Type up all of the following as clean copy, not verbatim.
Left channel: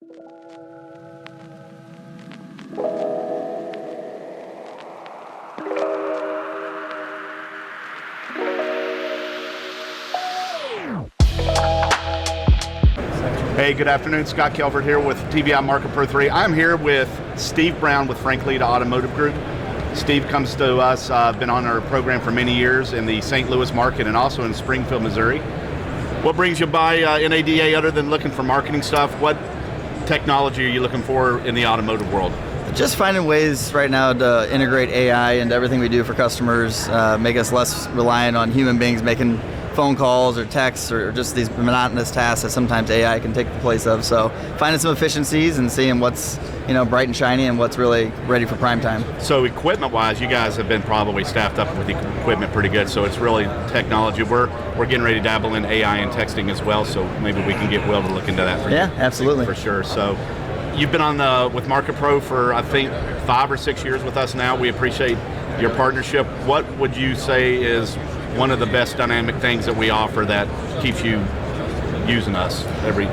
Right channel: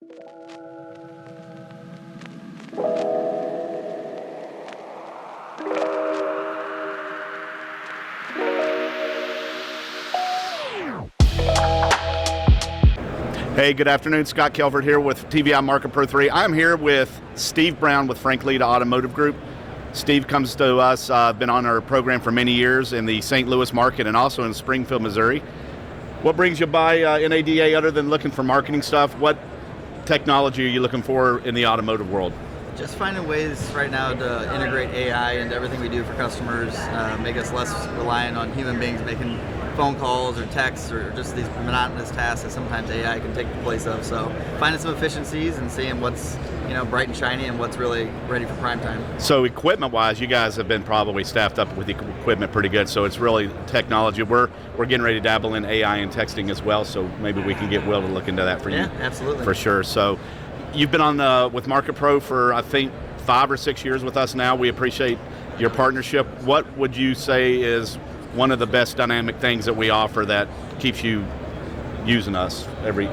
Hey, good afternoon. Scott Kelford here with TVI MarketPro3. I'm here with Steve Brown with Frank Leta Automotive Group. Steve comes to us, been on our program for many years in the St. Louis market and also in Springfield, Missouri. What brings you by NADA other than looking for marketing stuff? What technology are you looking for in the automotive world? Just finding ways right now to integrate AI into everything we do for customers, make us less reliant on human beings making phone calls or texts or just these monotonous tasks that sometimes AI can take the place of. So finding some efficiencies and seeing what's bright and shiny and what's really ready for prime time. So equipment-wise, you guys have been probably staffed up with equipment pretty good. So it's really technology. We're getting ready to dabble in AI and texting as well. So maybe we can get Will to look into that for you. Yeah, absolutely. For sure. So you've been on with MarketPro for I think 5 or 6 years with us now. We appreciate your partnership. What would you say is one of the best dynamic things that we offer that keeps you using us every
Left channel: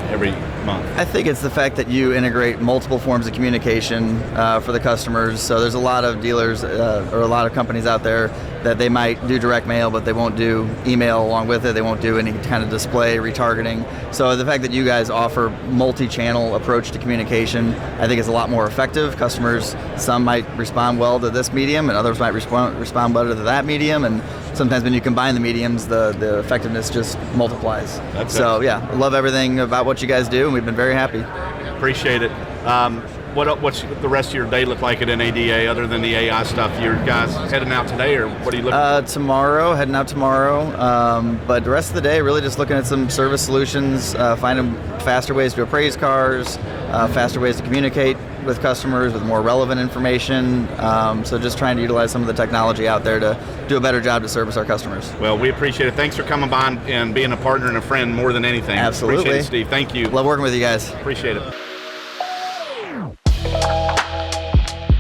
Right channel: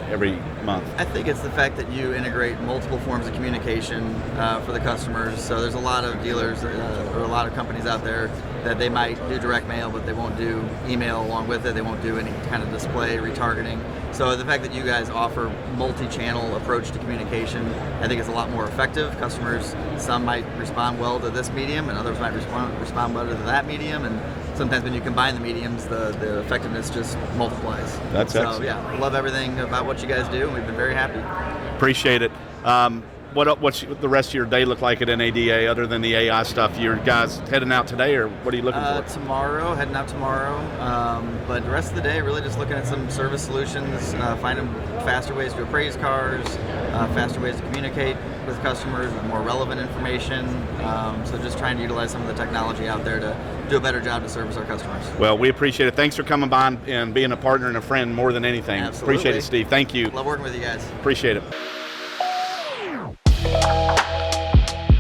month? I think it's the fact that you integrate multiple forms of communication for the customers. So there's a lot of dealers or a lot of companies out there that they might do direct mail, but they won't do email along with it. They won't do any kind of display retargeting. So the fact that you guys offer multi-channel approach to communication, I think is a lot more effective. Customers, some might respond well to this medium and others might respond better to that medium. And sometimes when you combine the mediums, the effectiveness just multiplies. That's so yeah, love everything about what you guys do, and we've been very happy. Appreciate it. What's the rest of your day look like at NADA other than the AI stuff? You guys heading out today, or what are you looking for? Heading out tomorrow. But the rest of the day, really just looking at some service solutions, finding faster ways to appraise cars, faster ways to communicate with customers with more relevant information. So just trying to utilize some of the technology out there to do a better job to service our customers. Well, we appreciate it. Thanks for coming by and being a partner and a friend more than anything. Absolutely. Appreciate it, Steve. Thank you. Love working with you guys. Appreciate it.